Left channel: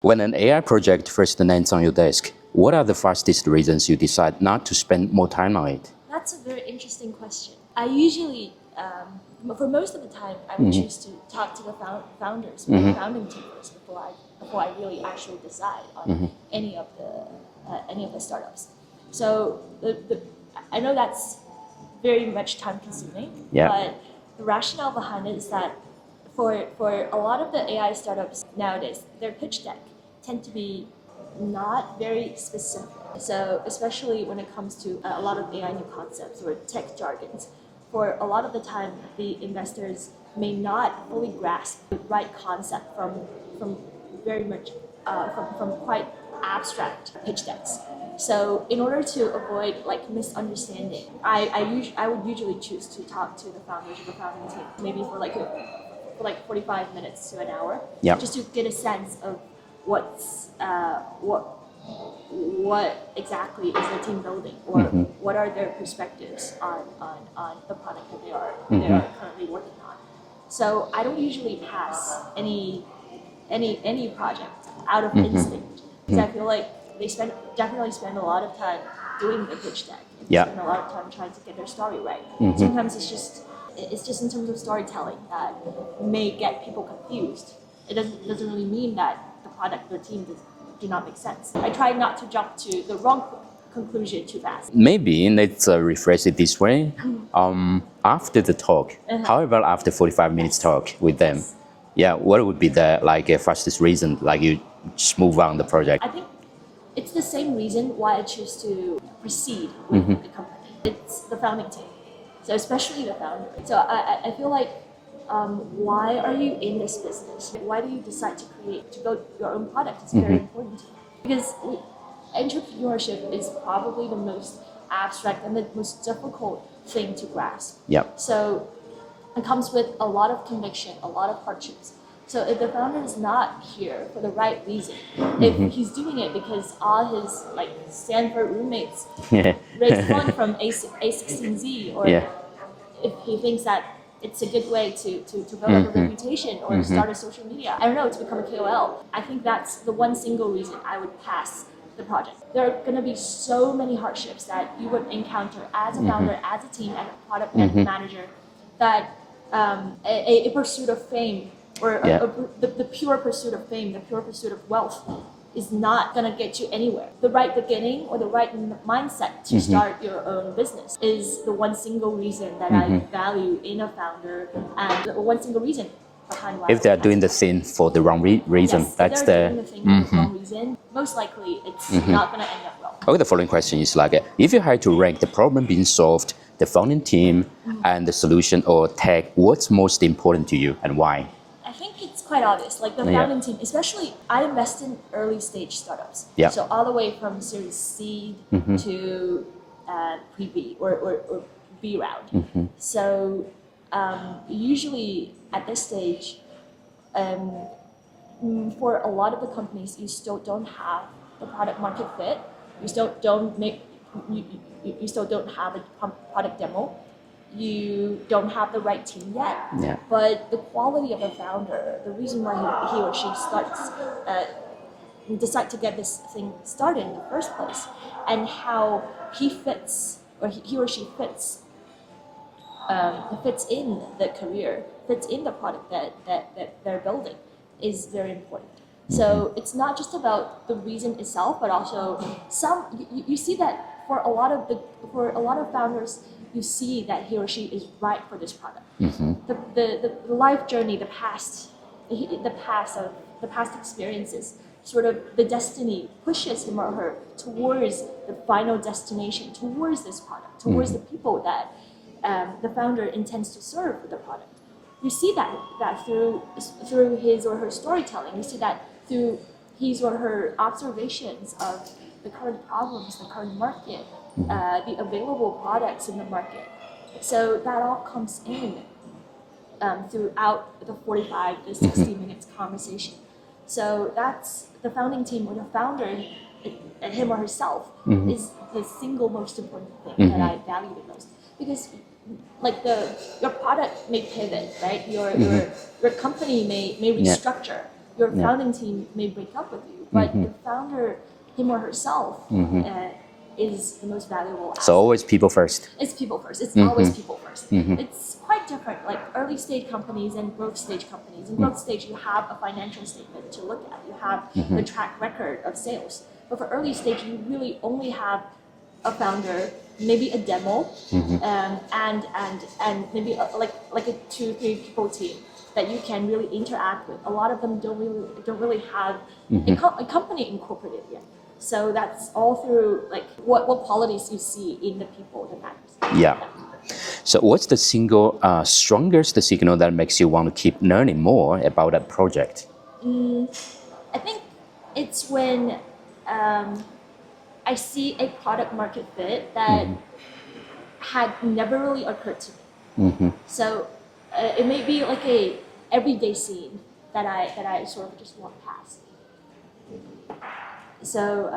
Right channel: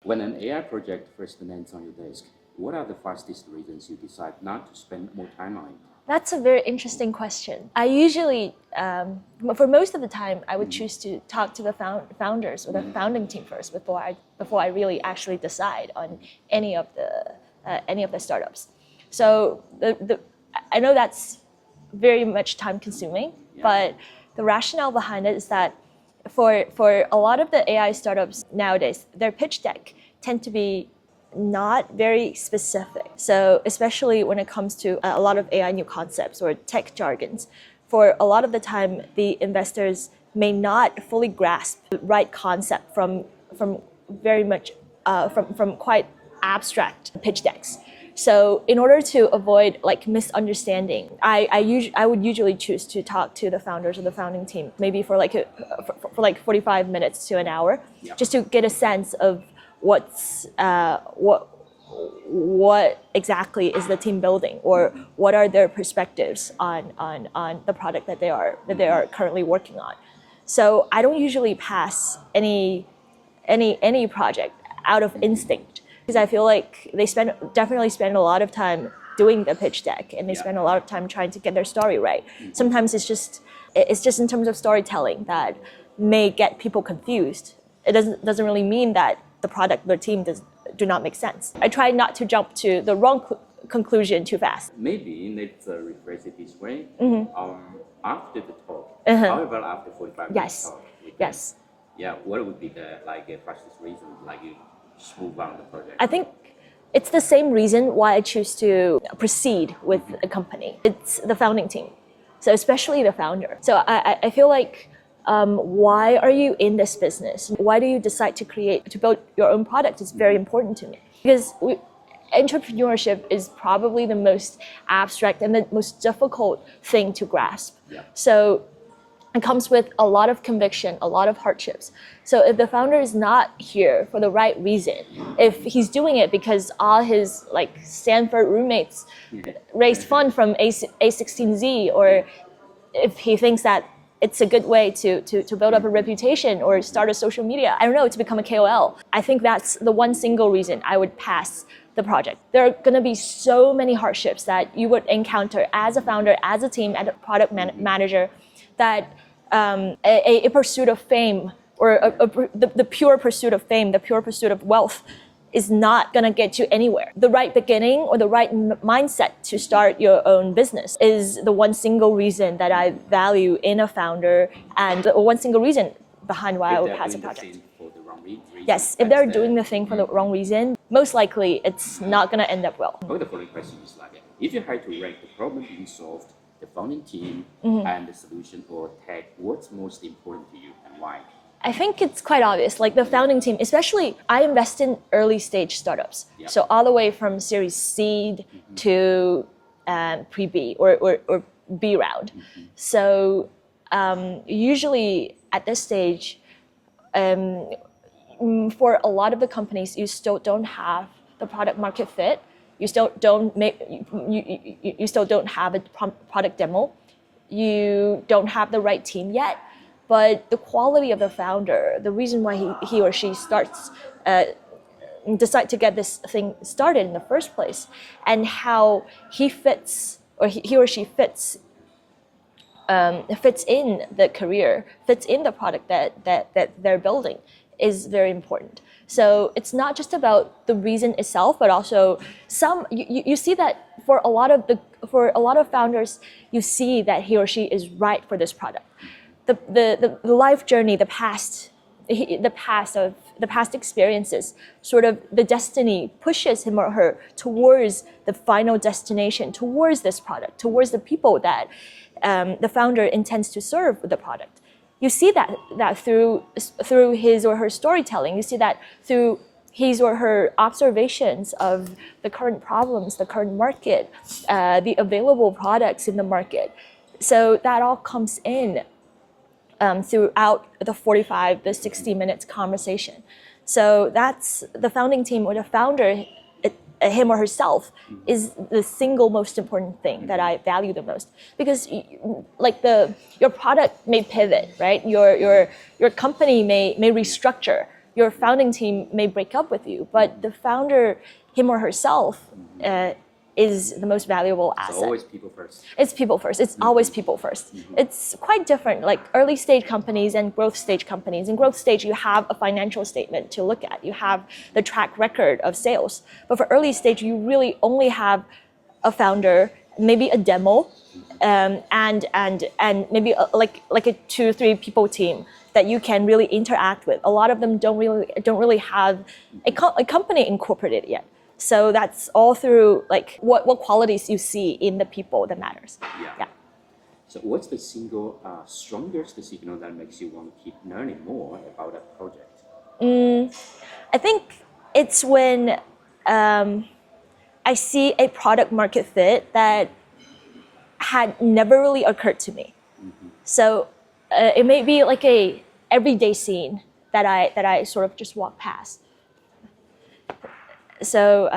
When an AI project first lands on your desk, what are the fastest reasons you decide not to spend more time on it? That's a very interesting question. I usually, for most of the time, I would choose to talk to the founders or the founding team first before I really actually decide on any of the startups. So I know that's very much time consuming, but the rationale behind it is that for a lot of the AI startups nowadays, their pitch deck tend to be not very specific. So especially when it comes to a lot of AI new concepts or tech jargons, for a lot of the time, the investors may not fully grasp the right concept from very much from quite abstract pitch decks. So in order to avoid like misunderstanding, I would usually choose to talk to the founders or the founding team, maybe for like 45 minutes to an hour, just to get a sense of what exactly is the team building, or what are their perspectives on the product that they are currently working on. So I don't usually pass any project out of instinct, because I feel like they definitely spend a lot of time doing the pitch deck, and they spend a lot of time trying to get their story right. Sometimes it's just in terms of storytelling that may get people confused. It doesn't really mean that the product or the team do not make sense. I try not to jump to the wrong conclusion too fast. Maybe let's rephrase it this way. After the talk, how about after 45 minutes talk with them? Yeah, what would be the fastest reason you just move on the project? I think it's the same reason why I choose to proceed with a company. It's the founding team, so especially the founder. So I feel like, why are you in this business? Why do you decide to build your own product? It's very important to me, because entrepreneurship is probably the most abstract and the most difficult thing to grasp. So it comes with a lot of conviction, a lot of hardships. So if the founder is not here for the right reason, if he's doing it because all his Stanford roommates raised fund from A16Z, or if he thinks that it's a good way to build up a reputation or start a social media, I don't know, to become a KOL, I think that's the one single reason I would pass the project. There are going to be so many hardships that you would encounter as a founder, as a team, as a product manager, that a pursuit of fame, or the pure pursuit of fame, the pure pursuit of wealth, is not going to get you anywhere. The right beginning or the right mindset to start your own business is the one single reason that I value in a founder, and the one single reason behind why if they're doing the thing for the wrong reason. Yes, if they're doing the thing for the wrong reason, most likely it's not going to end up well. Okay, the following question is if you had to rank the problem being solved, the founding team, and the solution or tech, what's most important to you and why? I think it's quite obvious. Like the founding team, especially, I invest in early stage startups. So all the way from Series Seed to pre-B or B round. So usually at this stage, for a lot of the companies, you still don't have the product market fit. You still don't have a product demo. You don't have the right team yet, but the quality of the founder, the reason why he or she decide to get this thing started in the first place, and how he fits, or he or she fits in the career, fits in the product that they're building, is very important. So it's not just about the reason itself, but also you see that for a lot of founders, you see that he or she is right for this product. The life journey, the past experiences, sort of the destiny pushes him or her towards the final destination, towards this product, towards the people that the founder intends to serve with the product. You see that through his or her storytelling. You see that through his or her observations of the current problems, the current market, the available products in the market. So that all comes in throughout the 60 minutes conversation. So that's the founding team, or the founder, him or herself, is the single most important thing that I value the most. Because your product may pivot, right? Your company may restructure. your founding team may break up with you, but the founder, him or herself, is the most valuable asset. So always people first. It's people first. It's always people first. It's quite different, like early stage companies and growth stage companies. In growth stage, you have a financial statement to look at. You have the track record of sales. But for early stage, you really only have a founder, maybe a demo, and maybe like a 2 or 3 people team that you can really interact with. A lot of them don't really have a company incorporated yet. So that's all through like what qualities you see in the people that matters. Yeah. So what's the single strongest signal that makes you want to keep learning more about a project? I think it's when I see a product market fit that had never really occurred to me. So it may be like a everyday scene that I sort of just walk past. So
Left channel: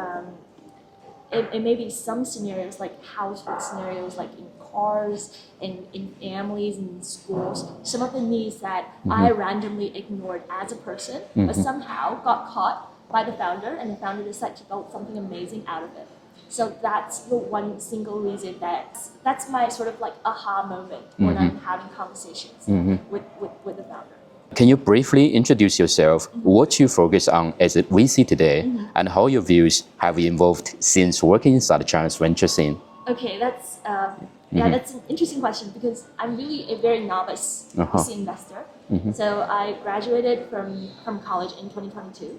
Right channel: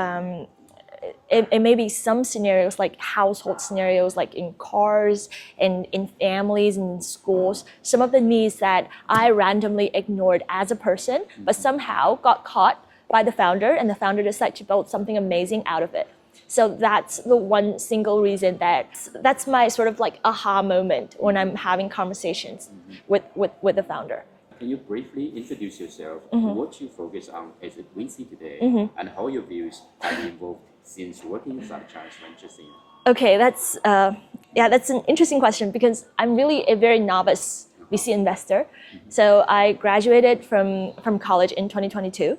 it may be some scenarios like household scenarios, like in cars and in families and in schools. Some of the needs that I randomly ignored as a person, but somehow got caught by the founder, and the founder decided to build something amazing out of it. So that's the one single reason that's my sort of like aha moment when I'm having conversations with the founder. Can you briefly introduce yourself, what you focus on as a VC today, and how your views have evolved since working inside China's venture scene? Okay, that's that's an interesting question because I'm really a very novice VC investor. So I graduated from college in 2022,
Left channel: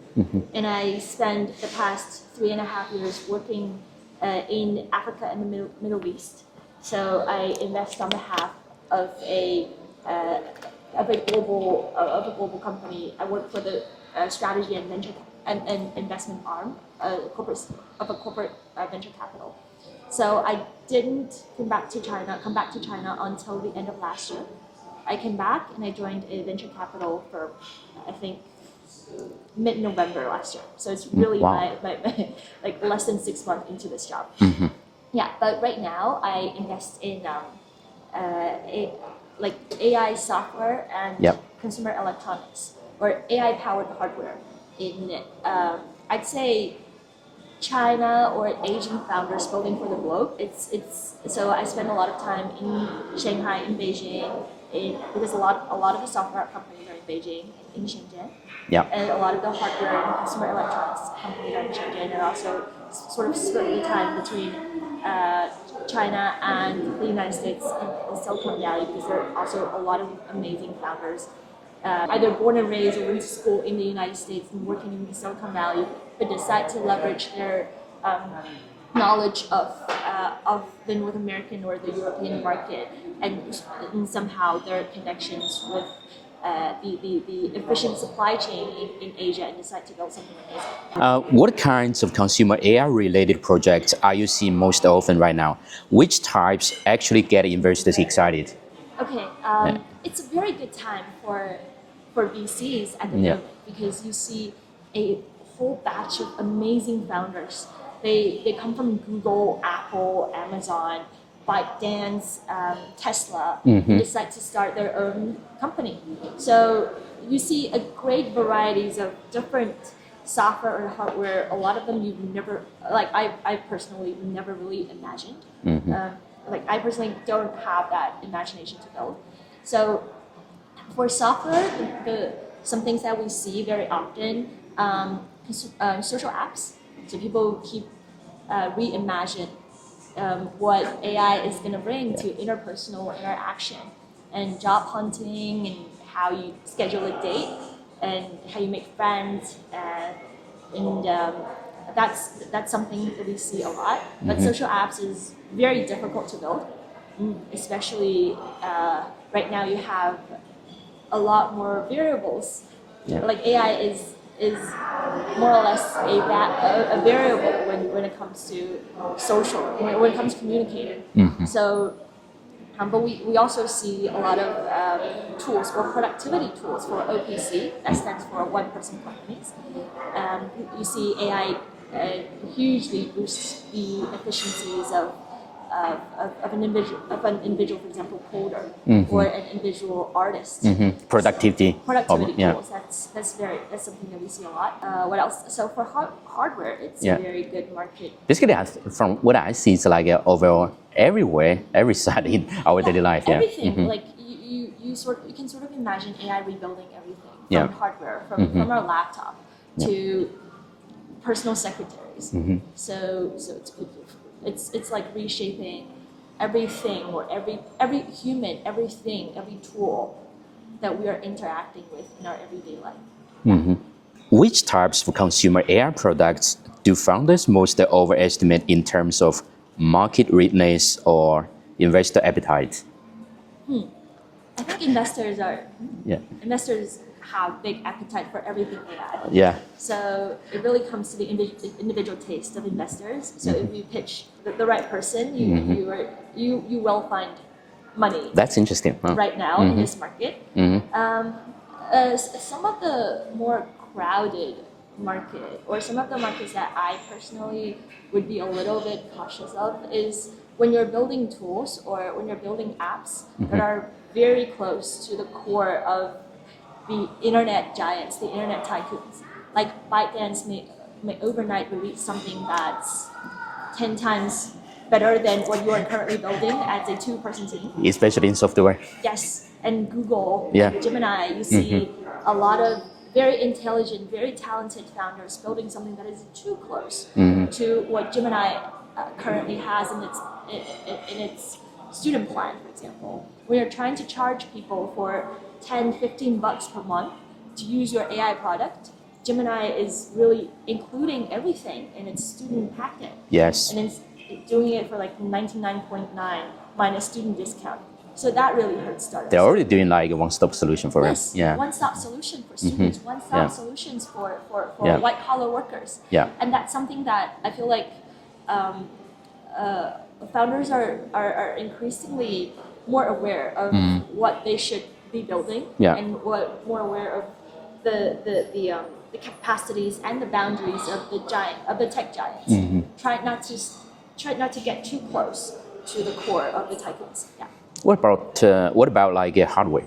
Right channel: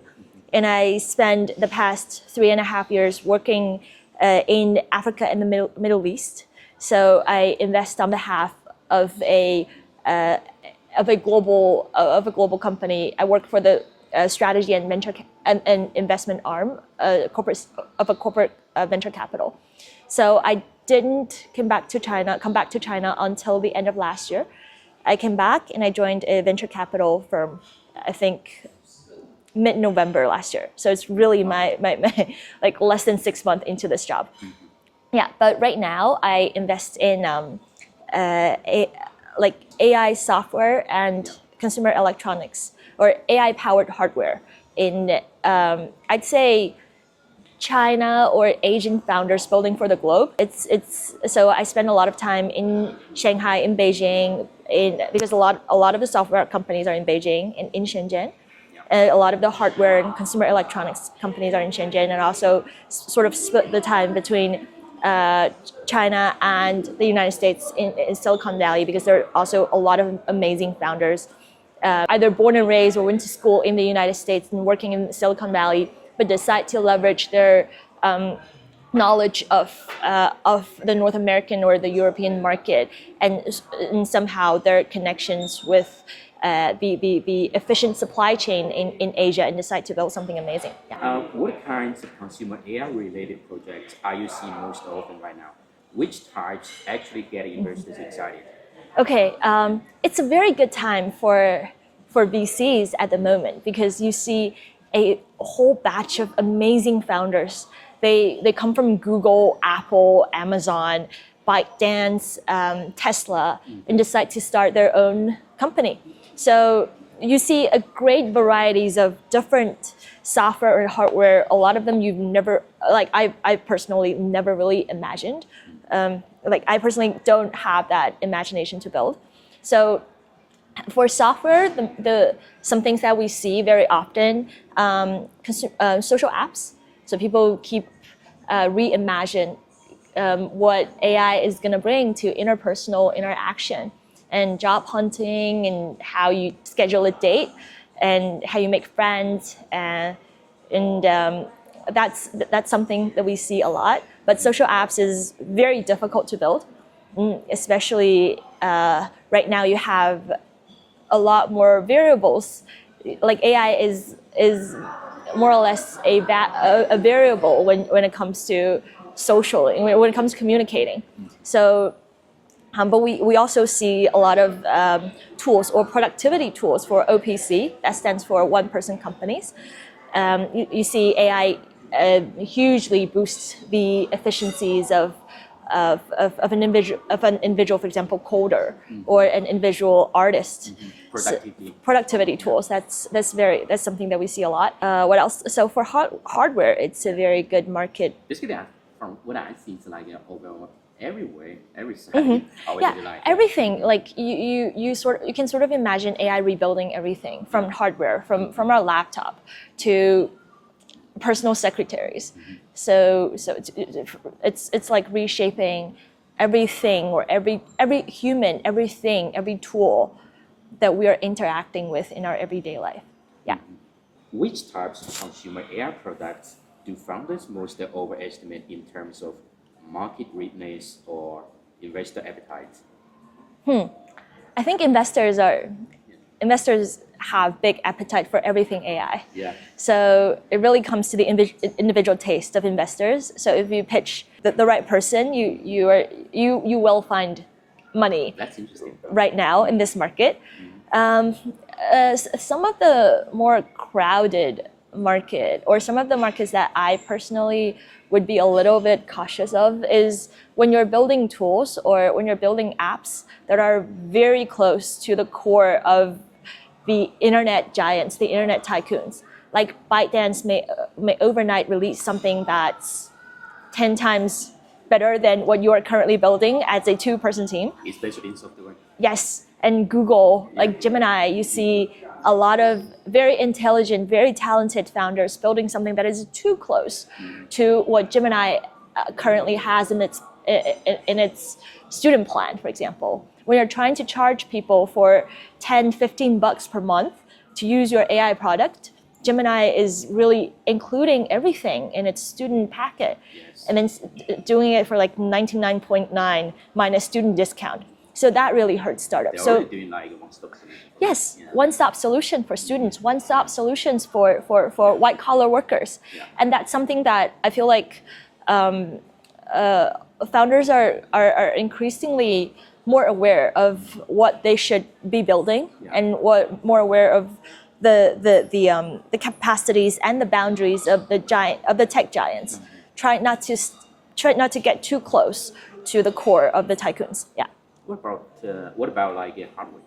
and I spent the past 3.5 years working in Africa and the Middle East. So I invest on behalf of a global company. I work for the strategy and venture and investment arm of a corporate venture capital. So I didn't come back to China until the end of last year. I came back and I joined a venture capital firm, I think mid-November last year. So it's really my like less than 6 months into this job. Yeah, but right now I invest in like AI software and consumer electronics or AI powered hardware in I'd say China or Asian founders building for the globe. It's so I spend a lot of time in Shanghai, in Beijing, because a lot of the software companies are in Beijing and in Shenzhen. Yeah. And a lot of the hardware and consumer electronics companies are in Shenzhen, and also sort of split the time between China and the United States in Silicon Valley, because there are also a lot of amazing founders, either born and raised or went to school in the United States and working in Silicon Valley, but decide to leverage their knowledge of the North American or the European market and somehow their connections with the efficient supply chain in Asia and decide to build something amazing. What kinds of consumer AI-related projects are you seeing most often right now? Which types actually get investors excited? Okay, it's a very good time for VCs at the moment, because you see a whole batch of amazing founders. They come from Google, Apple, Amazon, ByteDance, Tesla, and decide to start their own company. So you see a great varieties of different software and hardware. A lot of them you've never, like I personally never really imagined. Like I personally don't have that imagination to build. So for software, some things that we see very often, social apps. So people keep reimagine what AI is going to bring to interpersonal interaction and job hunting and how you schedule a date and how you make friends, and that's something that we see a lot. But social apps is very difficult to build, especially right now you have a lot more variables. Like AI is more or less a variable when it comes to social, when it comes to communicating. So, but we also see a lot of tools or productivity tools for OPC, that stands for one-person companies. You see AI hugely boost the efficiencies of of an individual, for example, coder or an individual artist. Productivity. Productivity tools. That's something that we see a lot. What else? So for hardware, it's a very good market. Basically, from what I see, it's like overall everywhere, every side in our daily life. Everything. Like you can sort of imagine AI rebuilding everything from hardware, from our laptop to personal secretaries. So it's like reshaping everything, or every human, everything, every tool that we are interacting with in our everyday life. Which types of consumer AI products do founders most overestimate in terms of market readiness or investor appetite? I think investors have big appetite for everything AI. So it really comes to the individual taste of investors. So if you pitch the right person, you will find money. That's interesting. Right now in this market. Some of the more crowded market, or some of the markets that I personally would be a little bit cautious of, is when you're building tools or when you're building apps that are very close to the core of the internet giants, the internet tycoons. Like ByteDance may overnight release something that's 10 times better than what you are currently building as a 2-person team. Especially in software. Yes, and Google, like Gemini, you see a lot of very intelligent, very talented founders building something that is too close to what Gemini currently has in its student plan, for example. When you're trying to charge people for $10-15 per month to use your AI product, Gemini is really including everything in its student packet. Yes. And then doing it for like 99.9 minus student discount. So that really hurts startups. They're already doing like a one-stop solution for us. Yes, one-stop solution for students, one-stop solutions for white-collar workers. And that's something that I feel like founders are increasingly more aware of what they should be building, and more aware of the capacities and the boundaries of the tech giants. Try not to get too close to the core of the tycoons. What about like hardware?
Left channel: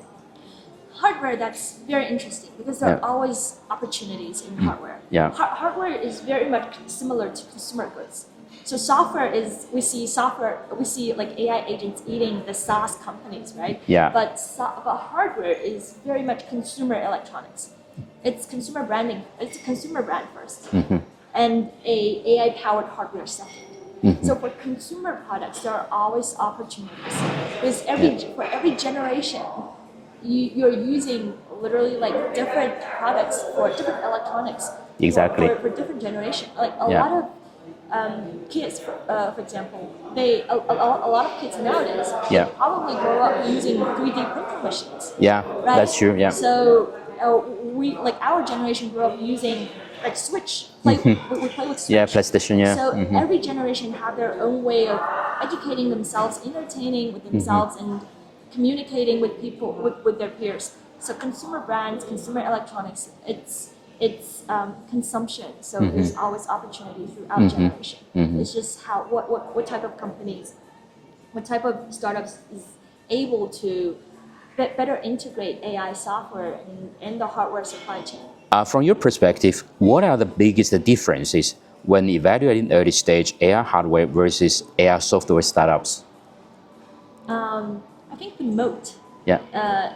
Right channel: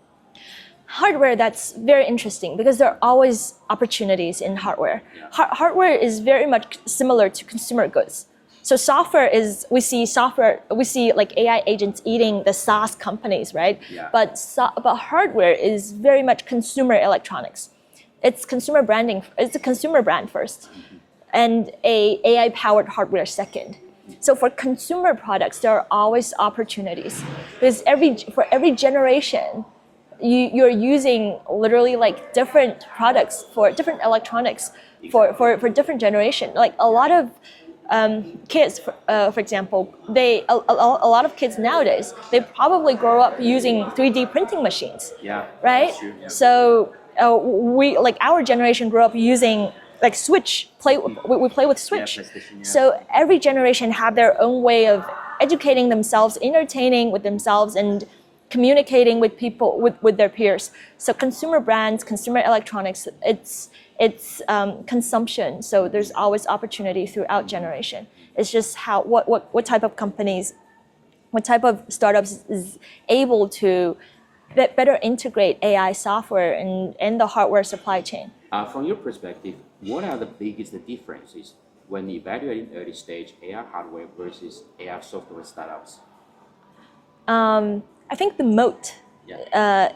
Hardware, that's very interesting because there are always opportunities in hardware. Hardware is very much similar to consumer goods. So software is, we see like AI agents eating the SaaS companies, right? But hardware is very much consumer electronics. It's consumer branding. It's a consumer brand first, and a AI-powered hardware second. So for consumer products, there are always opportunities because for every generation, you're using literally like different products for different electronics for different generation. Like a lot of kids, for example, a lot of kids nowadays they probably grow up using 3D printing machines. Right? That's true. So we, like our generation, grew up using like Switch. We play with Switch. PlayStation. So every generation have their own way of educating themselves, entertaining with themselves, and communicating with people, with their peers. So consumer brands, consumer electronics, it's consumption. So there's always opportunity throughout generation. It's just what type of companies, what type of startups is able to better integrate AI software and the hardware supply chain. From your perspective, what are the biggest differences when evaluating early stage AI hardware versus AI software startups? I think the moat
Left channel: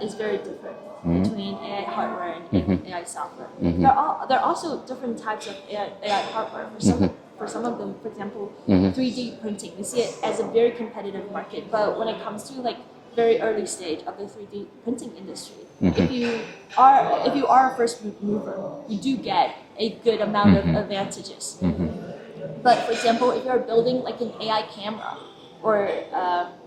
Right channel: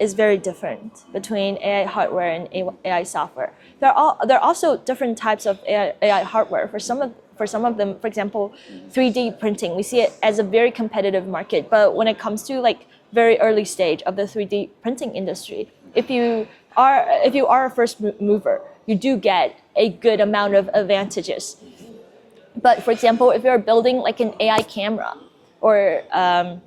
is very different between AI hardware and AI software. There are also different types of AI hardware. For some of them, for example, 3D printing, we see it as a very competitive market. But when it comes to like very early stage of the 3D printing industry, if you are a first mover, you do get a good amount of advantages. But for example, if you're building like an AI camera or an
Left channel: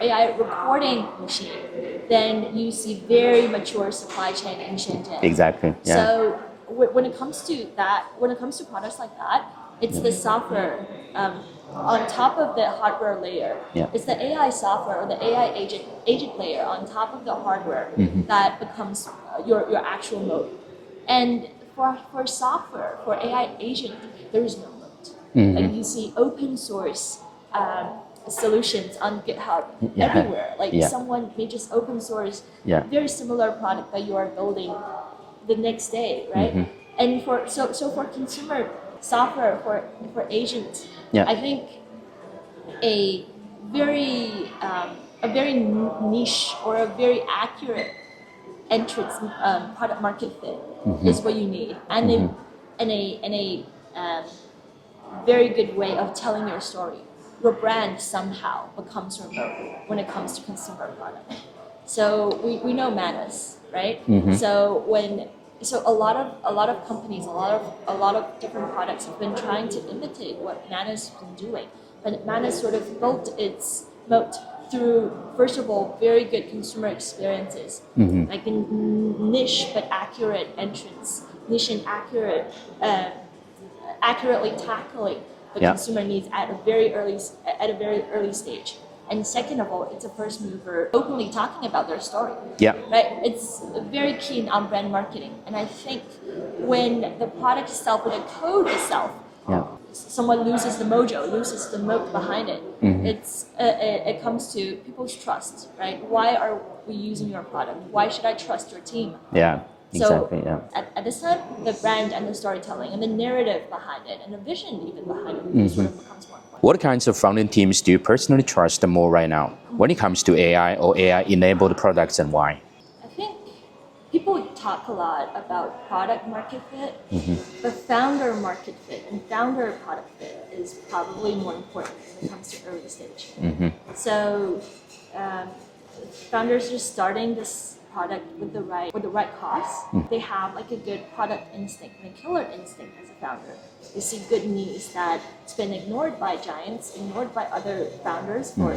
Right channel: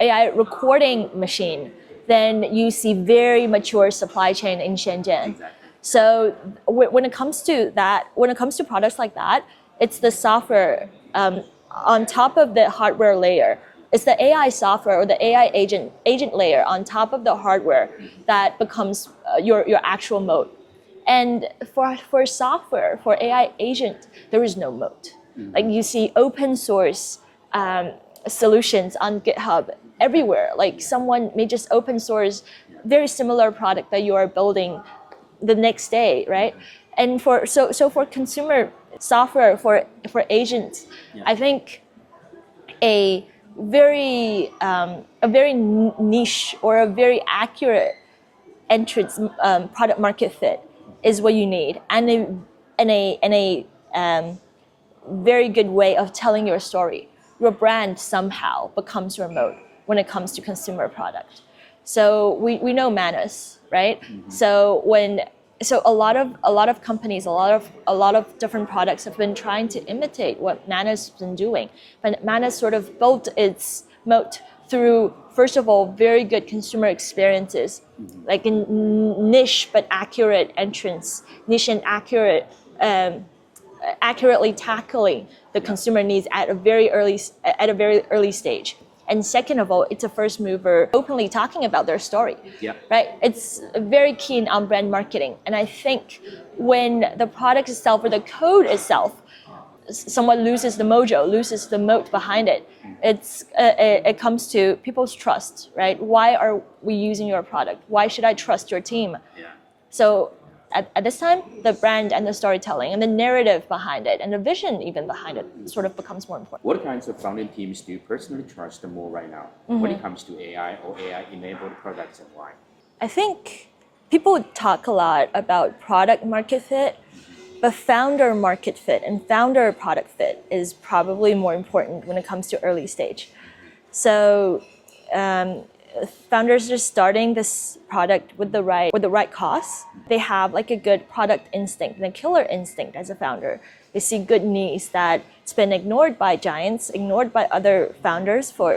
AI recording machine, then you see very mature supply chain in Shenzhen. Exactly. So when it comes to that, when it comes to products like that, it's the software on top of the hardware layer. It's the AI software or the AI agent layer on top of the hardware that becomes your actual moat. And for software, for AI agent, there is no moat. Like you see open source solutions on GitHub everywhere. Like someone may just open source very similar product that you are building the next day, right? And for for consumer software for agents, I think a very niche or a very accurate entrance product market fit is what you need, and a very good way of telling your story. Your brand somehow becomes your moat when it comes to consumer product. So we know Manus, right? So a lot of companies, a lot of different products have been trying to imitate what Manus has been doing, but Manus sort of built its moat through, first of all, very good consumer experiences, like a niche but accurate entrance, niche and accurately tackling the consumer needs at a very early stage. And second of all, it's a first mover openly talking about their story. Right? It's very keen on brand marketing. And I think when the product itself or the code itself, someone loses the mojo, loses the moat behind it, it comes to people's trust, right? Why are we using your product? Why should I trust your team? So at this time, the brand and the storytelling and the narrative behind it and the vision even behind it sort of becomes more important. What kinds of founding teams do you personally trust more right now when it comes to AI or AI-enabled products, and why? I think people talk a lot about product market fit, but founder market fit and founder product fit is probably more important when it comes to early stage. So founders just starting this product with the right cost. They have like a good product instinct and a killer instinct as a founder. They see good needs that's been ignored by giants, ignored by other founders for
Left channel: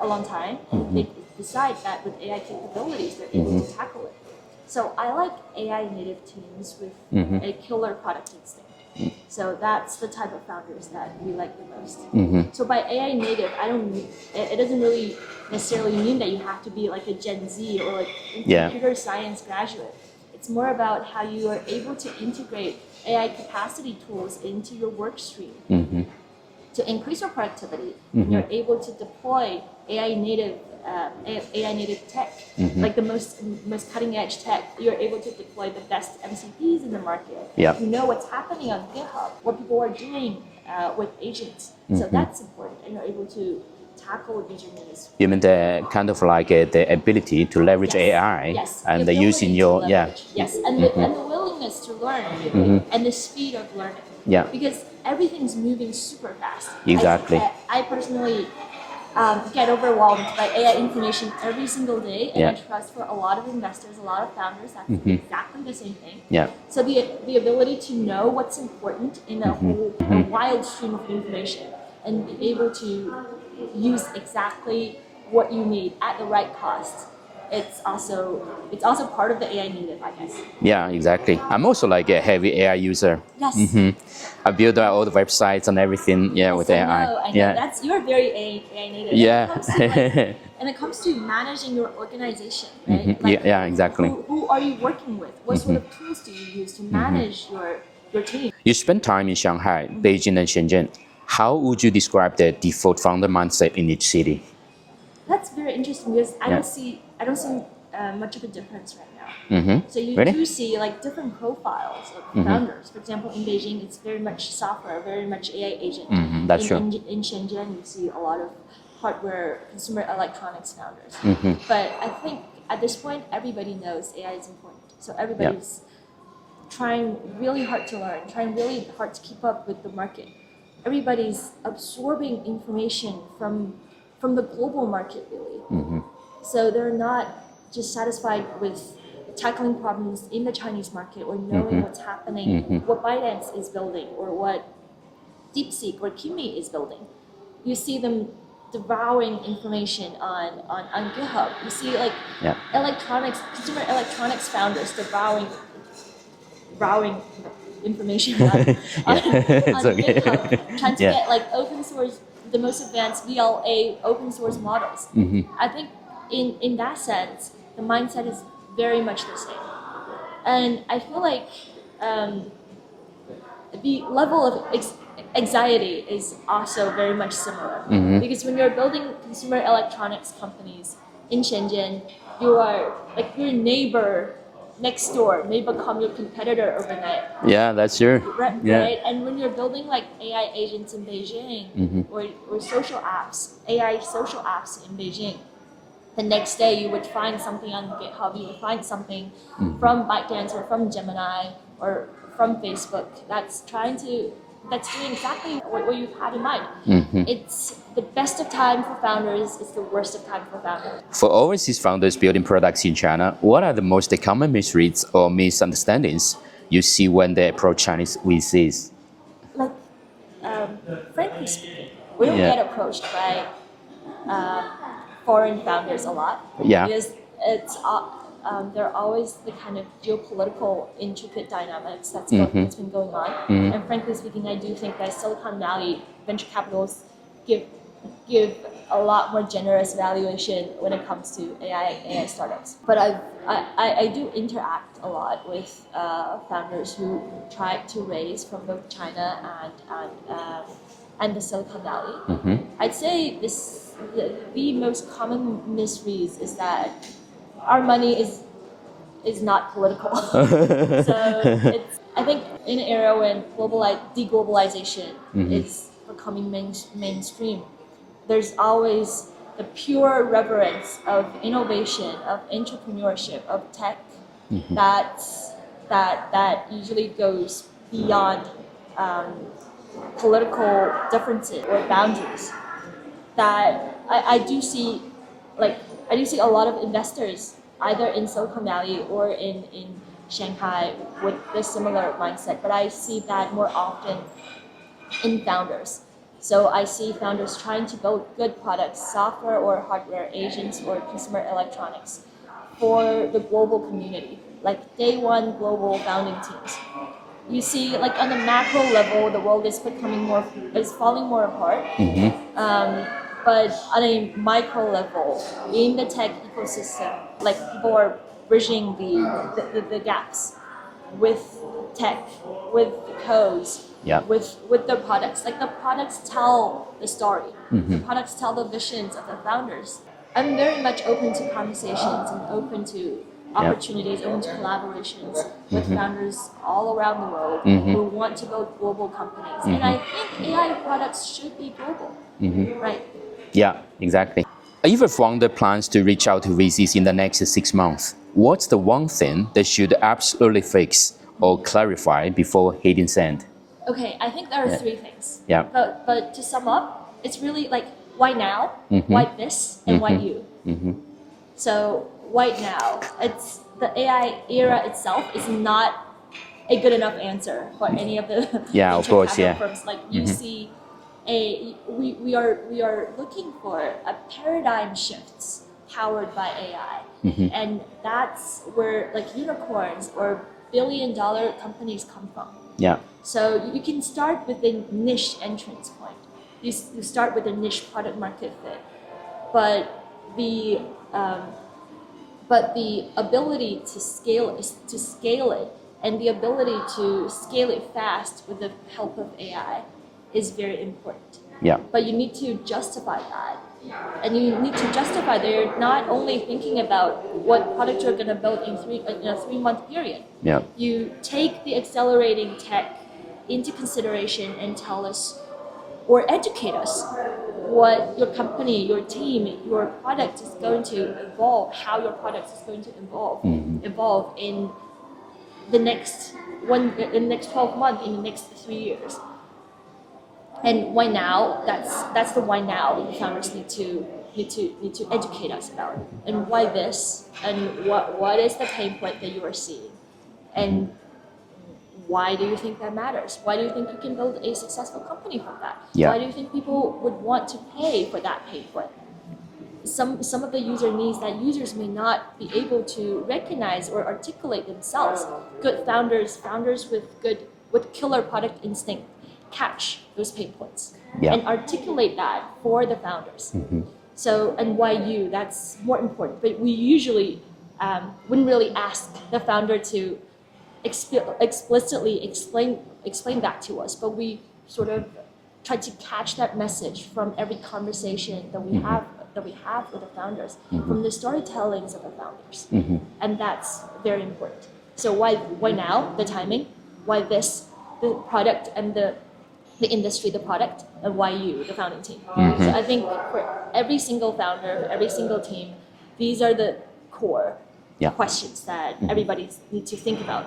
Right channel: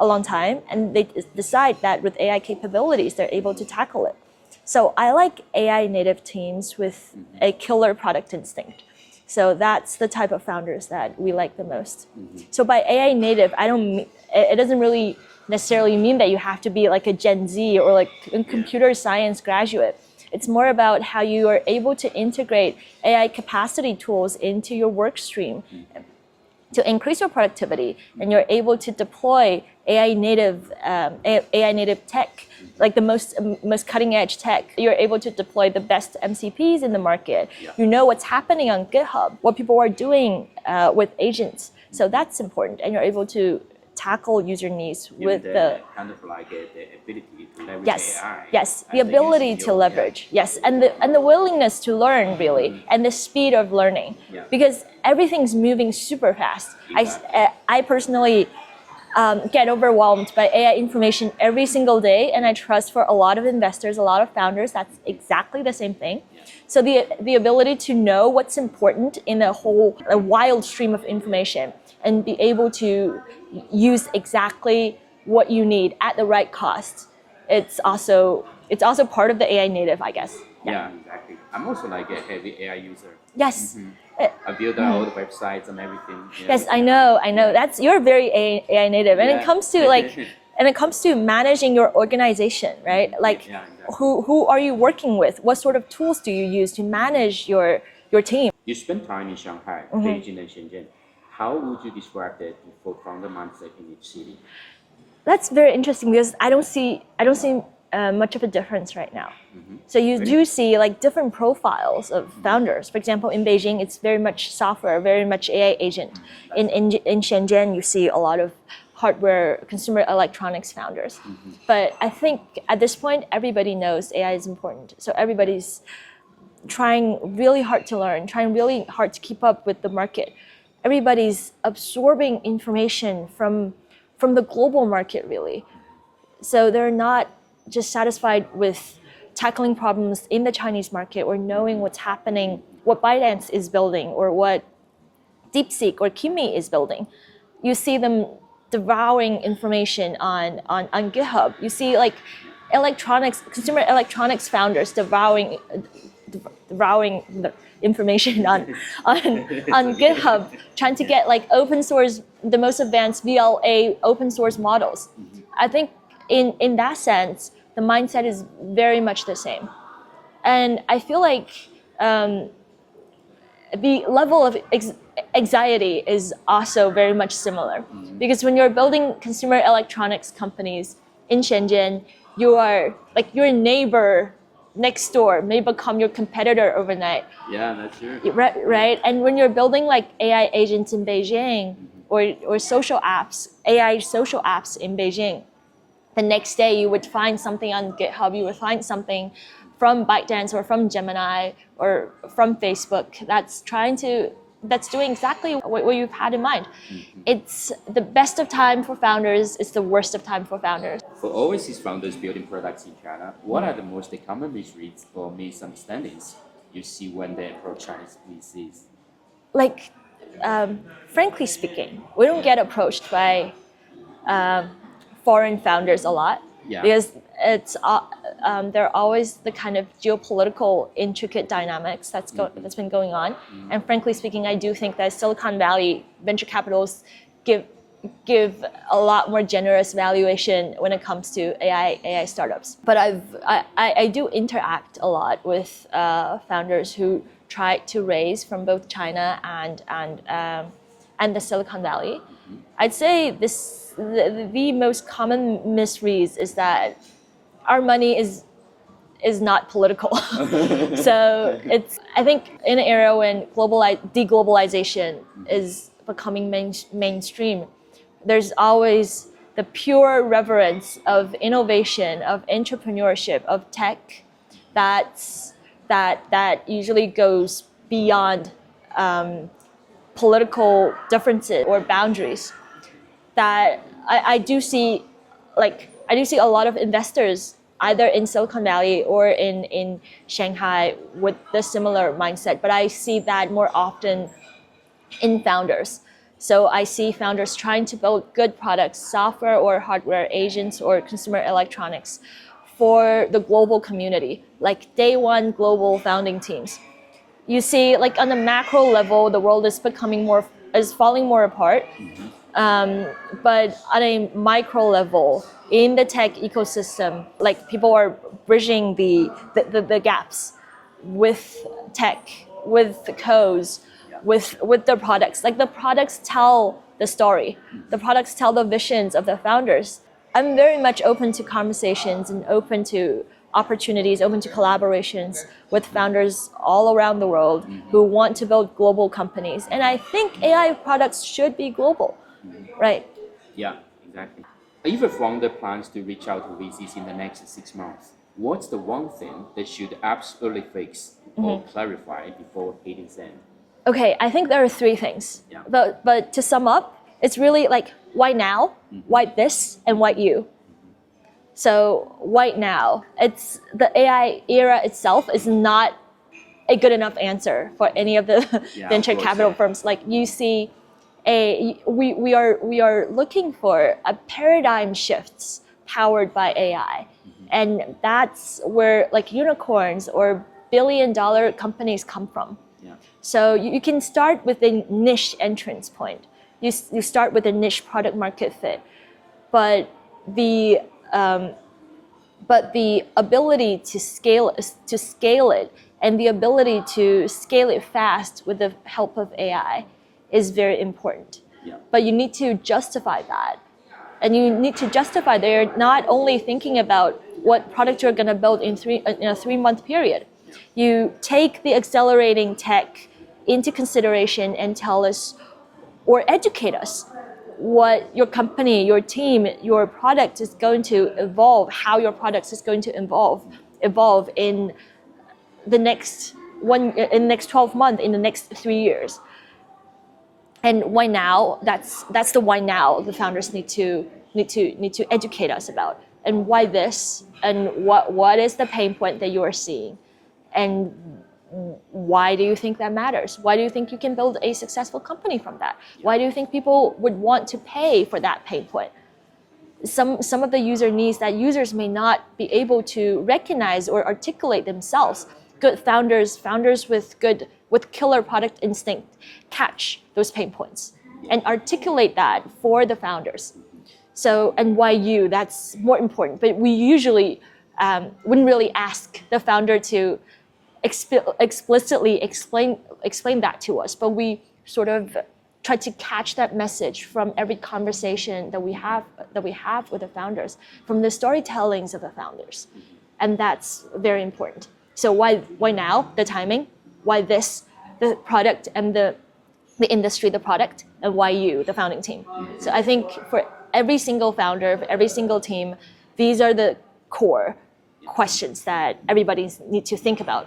a long time, and they decide that with AI capabilities, they're able to tackle it. So I like AI native teams with a killer product instinct. So that's the type of founders that we like the most. So by AI native, it doesn't really necessarily mean that you have to be like a Gen Z or like a computer science graduate. It's more about how you are able to integrate AI capacity tools into your work stream to increase your productivity, and you're able to deploy AI native tech, like the most cutting edge tech. You're able to deploy the best MCPs in the market. You know what's happening on GitHub, what people are doing with agents. So that's important, and you're able to tackle user needs. You mean the kind of like the ability to leverage AI? Yes, the ability to leverage. Yes, and the willingness to learn really, and the speed of learning. Because everything's moving super fast. Exactly. I personally get overwhelmed by AI information every single day, and I trust for a lot of investors, a lot of founders, that's exactly the same thing. So the ability to know what's important in a whole a wild stream of information and be able to use exactly what you need at the right cost. It's also part of the AI native, I guess. Yeah, exactly. I'm also like a heavy AI user. Yes. I build all the websites and everything. Yes, with AI. I know. That's you're very AI native. And it comes to like, and it comes to managing your organization, right? Like, exactly. Who are you working with? What sort of tools do you use to manage your team? You spend time in Shanghai, Beijing, and Shenzhen. How would you describe the default founder mindset in each city? That's very interesting because I don't see much of a difference right now. So you do see like different profiles of founders. For example, in Beijing, it's very much software, very much AI agent. In Shenzhen, you see a lot of hardware, consumer electronics founders. But I think at this point, everybody knows AI is important. So everybody's trying really hard to learn, trying really hard to keep up with the market. Everybody's absorbing information from the global market, really. So they're not just satisfied with tackling problems in the Chinese market or knowing what's happening, what ByteDance is building or what DeepSeek or Kimi is building. You see them devouring information on GitHub. You see like consumer electronics founders devouring the information on GitHub, trying to get like open source, the most advanced VLA open source models. I think in that sense, the mindset is very much the same. And I feel like the level of anxiety is also very much similar. Because when you're building consumer electronics companies in Shenzhen, you are like your neighbor next door may become your competitor overnight. Yeah, that's true. Right, Yeah. right. And when you're building like AI agents in Beijing or social apps, AI social apps in Beijing, the next day you would find something on GitHub, you would find something from ByteDance or from Gemini or from Facebook that's doing exactly what you've had in mind. It's the best of time for founders, it's the worst of time for founders. For overseas founders building products in China, what are the most common misreads or misunderstandings you see when they approach Chinese VCs? Like, frankly speaking, we don't Yeah. get approached by foreign founders a lot because they're always the kind of geopolitical intricate dynamics that's been going on. And frankly speaking, I do think that Silicon Valley venture capitals give a lot more generous valuation when it comes to AI startups. But I do interact a lot with founders who try to raise from both China and the Silicon Valley. I'd say the most common misreads is that our money is not political. So I think in an era when deglobalization is becoming mainstream, there's always the pure reverence of innovation, of entrepreneurship, of tech that usually goes beyond political differences or boundaries. That I do see a lot of investors either in Silicon Valley or in Shanghai with the similar mindset, but I see that more often in founders. So I see founders trying to build good products, software or hardware, agents or consumer electronics for the global community, like day one global founding teams. You see, like on the macro level, the world is falling more apart. But on a micro level, in the tech ecosystem, like people are bridging the gaps with tech, with the codes, with the products. Like the products tell the story. The products tell the visions of the founders. I'm very much open to conversations and open to opportunities, open to collaborations with founders all around the world who want to build global companies. And I think AI products should be global, right? Yeah, exactly. If a founder plans to reach out to VCs in the next 6 months, what's the one thing they should absolutely fix or clarify before hitting send? Okay, I think there are three things. Yeah. But to sum up, it's really like why now, why this, and why you. So why now? It's the AI era itself is not a good enough answer for any of the venture capital firms. Like you see, we are looking for a paradigm shifts powered by AI, and that's where like unicorns or billion-dollar companies come from. Yeah. So you can start with a niche entrance point. You start with a niche product market fit, but the ability to scale it and the ability to scale it fast with the help of AI is very important. Yeah. But you need to justify that. And you need to justify that you're not only thinking about what product you're going to build in a 3-month period. Yeah. You take the accelerating tech into consideration and tell us or educate us what your company, your team, your product is going to evolve, how your product is going to evolve in the next 12 months, in the next 3 years. And why now? That's the why now the founders need to educate us about. And why this? And what is the pain point that you are seeing? And why do you think that matters? Why do you think you can build a successful company from that? Yeah. Why do you think people would want to pay for that pain point? Some of the user needs that users may not be able to recognize or articulate themselves. Good founders with killer product instinct catch those pain points and articulate that for the founders. So, and why you, that's more important. But we usually wouldn't really ask the founder to explicitly explain that to us, but we sort of try to catch that message from every conversation that we have with the founders, from the storytellings of the founders, and that's very important. So why now the timing? Why this the product and the industry, the product, and why you, the founding team? So I think for every single founder, for every single team, these are the core questions that everybody needs to think about.